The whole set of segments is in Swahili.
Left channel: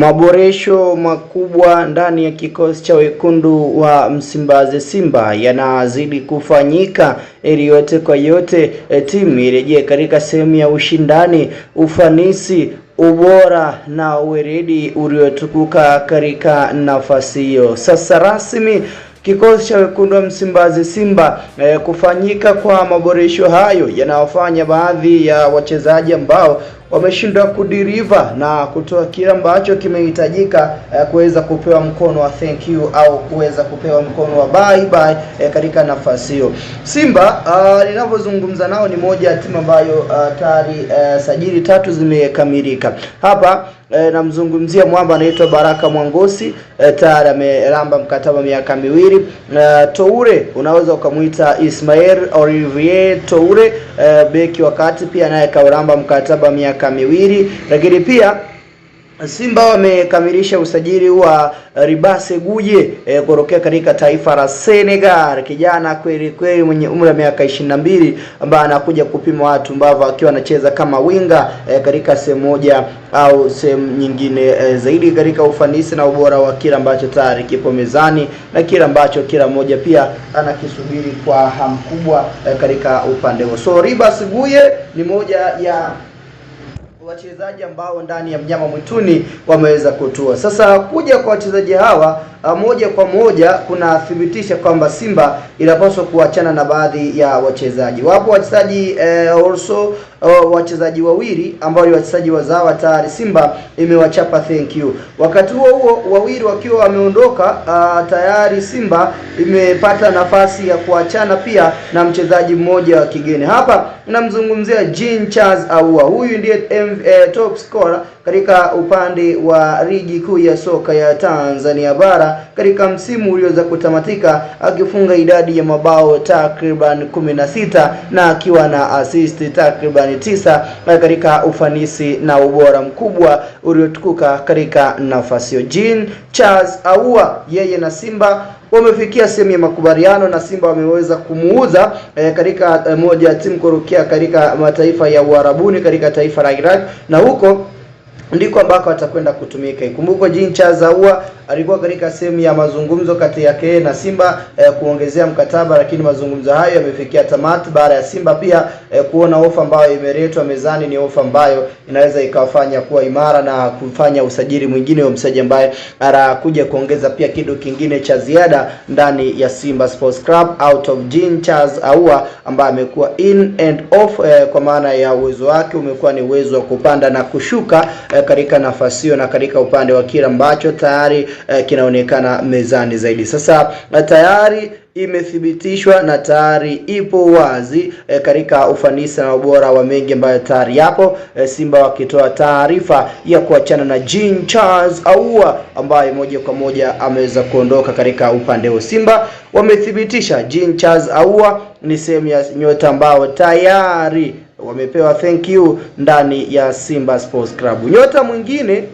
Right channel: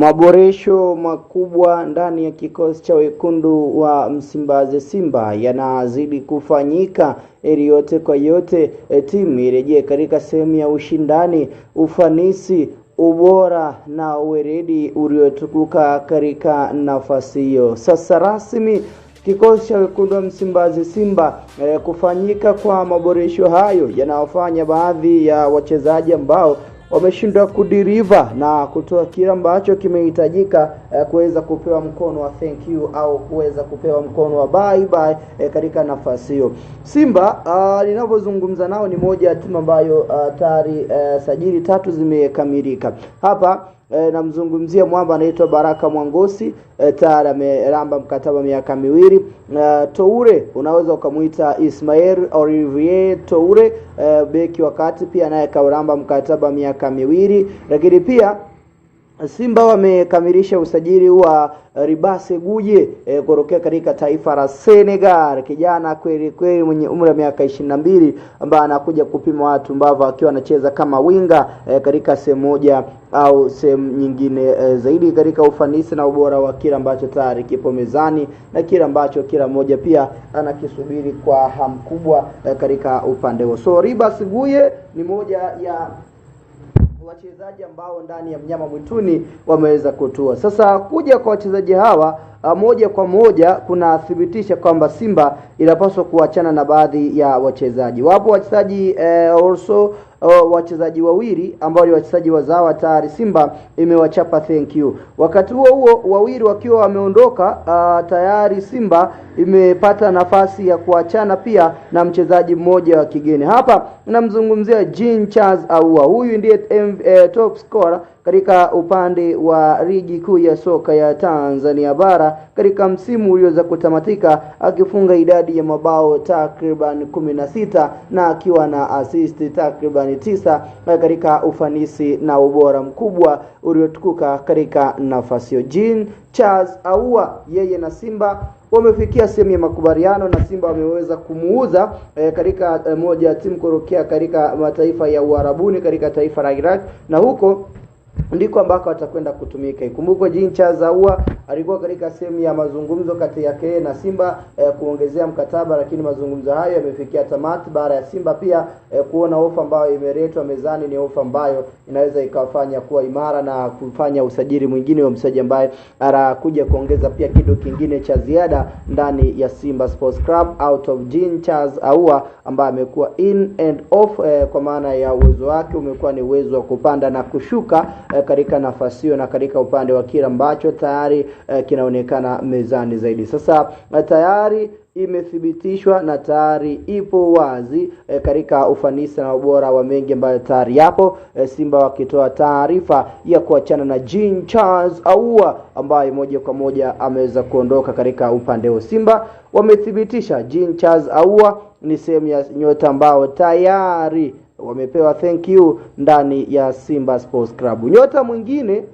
Maboresho makubwa ndani ya kikosi cha wekundu wa Msimbazi Simba yanazidi kufanyika ili yote kwa yote timu irejee katika sehemu ya ushindani, ufanisi, ubora na uweredi uliotukuka katika nafasi hiyo. Sasa rasmi kikosi cha wekundu wa Msimbazi Simba kufanyika kwa maboresho hayo yanawafanya baadhi ya wachezaji ambao wameshindwa kudiriva na kutoa kile ambacho kimehitajika kuweza kupewa mkono wa thank you au kuweza kupewa mkono wa bye bye katika nafasi hiyo. Simba ninapozungumza nao ni moja ya timu ambayo tayari sajili 3 zimekamilika. Hapa namzungumzia mwamba anaitwa Baraka Mwangosi, tayari ameramba mkataba miaka 2. Toure unaweza ukamuita Ismail Olivier Toure, beki wakati pia naye kauramba mkataba miaka 2. Lakini pia Simba wamekamilisha usajili wa Ribase Guje kutokea katika taifa la Senegal, kijana kweli kweli mwenye umri wa miaka 22 ambaye anakuja kupima watu ambao akiwa anacheza kama winga katika sehemu moja au sehemu nyingine zaidi katika ufanisi na ubora wa kila ambacho tayari kipo mezani na kila ambacho kila mmoja pia anakisubiri kwa hamu kubwa katika upande huo. So Ribase Guje ni moja ya wachezaji ambao ndani ya mnyama mwituni wameweza kutua. Sasa kuja kwa wachezaji hawa moja kwa moja kunathibitisha kwamba Simba inapaswa kuachana na baadhi ya wachezaji. Wapo wachezaji wachezaji wawili ambao ni wachezaji wazawa tayari Simba imewachapa thank you. Wakati huo wawili wakiwa wameondoka, tayari Simba imepata nafasi ya kuachana pia na mchezaji mmoja wa kigeni. Hapa namzungumzia Jean Charles Ahoua. Huyu ndiye top scorer katika upande wa ligi kuu ya soka ya Tanzania bara katika msimu ulioweza kutamatika, akifunga idadi ya mabao takriban 16 na akiwa na assist takriban 9 katika ufanisi na ubora mkubwa uliotukuka katika nafasi hiyo. Jean Charles Ahoua yeye na Simba wamefikia sehemu ya makubaliano na Simba wameweza kumuuza katika moja ya timu kurokea katika mataifa ya Uarabuni katika taifa la Iraq, na huko ndiko ambako atakwenda kutumika. Ikumbuke Jean Charles Ahoua alikuwa katika sehemu ya mazungumzo kati yake na Simba kuongezea mkataba, lakini mazungumzo hayo yamefikia tamati baada ya Simba pia kuona ofa ambayo imeletwa mezani ni ofa ambayo inaweza ikawafanya kuwa imara na kufanya usajili mwingine wa mchezaji ambaye anakuja kuongeza pia kitu kingine cha ziada ndani ya Simba Sports Club out of Jean Charles Ahoua ambaye amekuwa in and off kwa maana ya uwezo wake umekuwa ni uwezo wa kupanda na kushuka katika nafasi hiyo na katika upande wa kila ambacho tayari kinaonekana mezani zaidi. Sasa tayari imethibitishwa na tayari ipo wazi katika ufanisi na ubora wa mengi ambayo tayari yapo. Simba wakitoa taarifa ya kuachana na Jean Charles Ahoua ambaye moja kwa moja ameweza kuondoka katika upande wa Simba. Wamethibitisha Jean Charles Ahoua ni sehemu ya nyota ambao tayari wamepewa thank you ndani ya Simba Sports Club. Nyota mwingine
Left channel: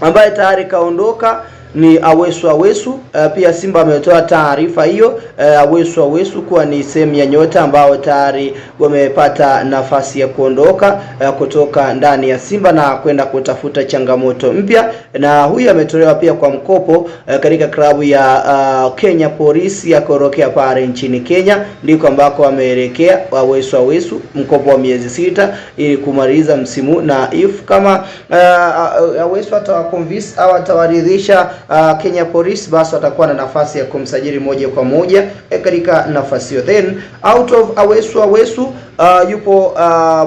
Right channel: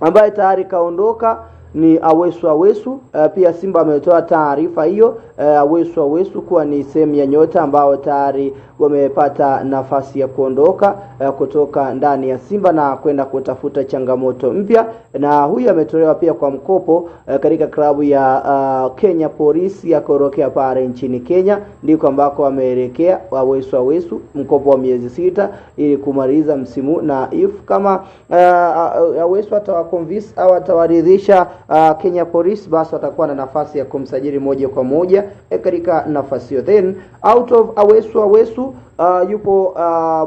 ambaye tayari kaondoka ni Awesu. Pia Simba ametoa taarifa hiyo Awesu kuwa ni sehemu ya nyota ambao tayari wamepata nafasi ya kuondoka kutoka ndani ya Simba na kwenda kutafuta changamoto mpya, na huyu ametolewa pia kwa mkopo katika klabu ya Kenya Police ya korokea pale nchini Kenya, ndiko ambako ameelekea Awesu mkopo wa miezi 6 ili kumaliza msimu, na if kama Awesu atawaconvince au atawaridhisha Kenya Police, basi atakuwa na nafasi ya kumsajili moja kwa moja katika nafasi hiyo. Then out of Awesu yupo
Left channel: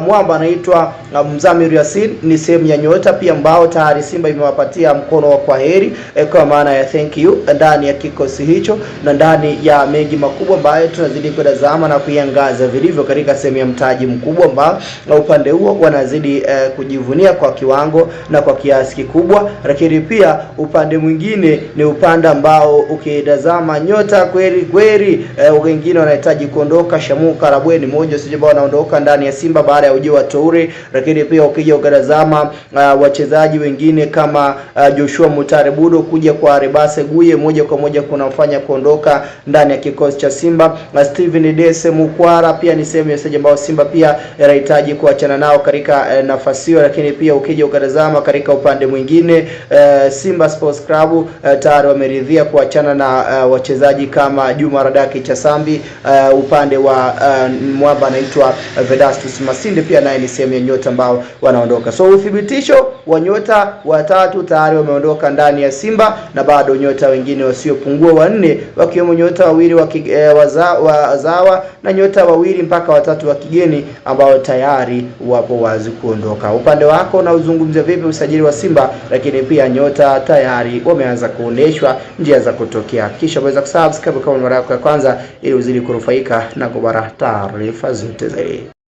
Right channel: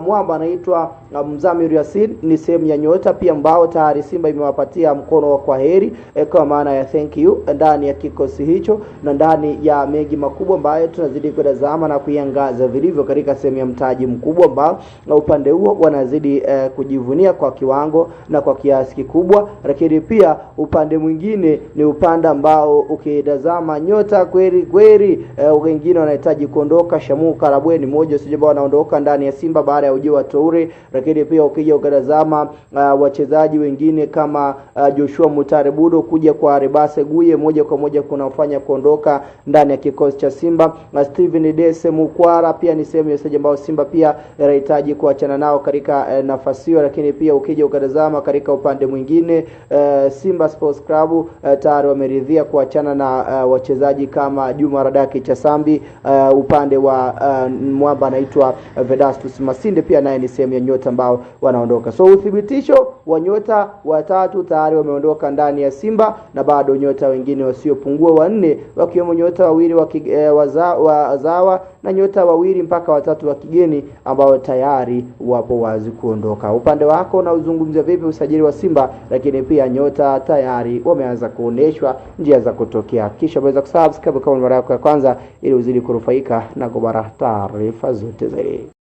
mwamba anaitwa Mzamiru Yasin, ni sehemu ya nyota pia ambao tayari Simba imewapatia mkono wa kwaheri kwa maana ya thank you ndani ya kikosi hicho na ndani ya mengi makubwa ambayo tunazidi kutazama na kuiangaza vilivyo katika sehemu ya mtaji mkubwa ambao upande huo wanazidi kujivunia kwa kiwango na kwa kiasi kikubwa. Lakini pia upande mwingine ni upande ambao ukitazama nyota kweli kweli wengine wanahitaji kuondoka. Shamu Karabwe ni mmoja, sijaba wanaondoka ndani ya Simba baada ya ujio wa Toure. Lakini pia ukija ukatazama wachezaji wengine kama Joshua Mutare Budo kuja kwa Rebase Guye moja kwa moja kunafanya kuondoka ndani ya kikosi cha Simba. Steven Dese Mukwara pia ni sehemu ya wachezaji ambao Simba pia yanahitaji kuachana nao katika nafasi hiyo. Lakini pia ukija ukatazama katika upande mwingine Simba Sports Club tayari wameridhia kuachana na wachezaji kama Juma Radaki Chasambi, upande wa mwamba anaitwa Vedastus Masinde pia naye ni sehemu ya nyota ambao wanaondoka. So uthibitisho wa nyota watatu tayari wameondoka ndani ya Simba, na bado nyota wengine wasiopungua wanne wakiwemo nyota wawili wazawa na nyota wawili mpaka watatu wa kigeni ambao tayari wapo wazi kuondoka. Upande wako na uzungumzia vipi usajili wa Simba? Lakini pia nyota tayari wameanza kuoneshwa njia za kutokea. Kisha waweza kusubscribe kama mara yako ya kwanza ili uzidi kunufaika na kubara taarifa zote zaidi.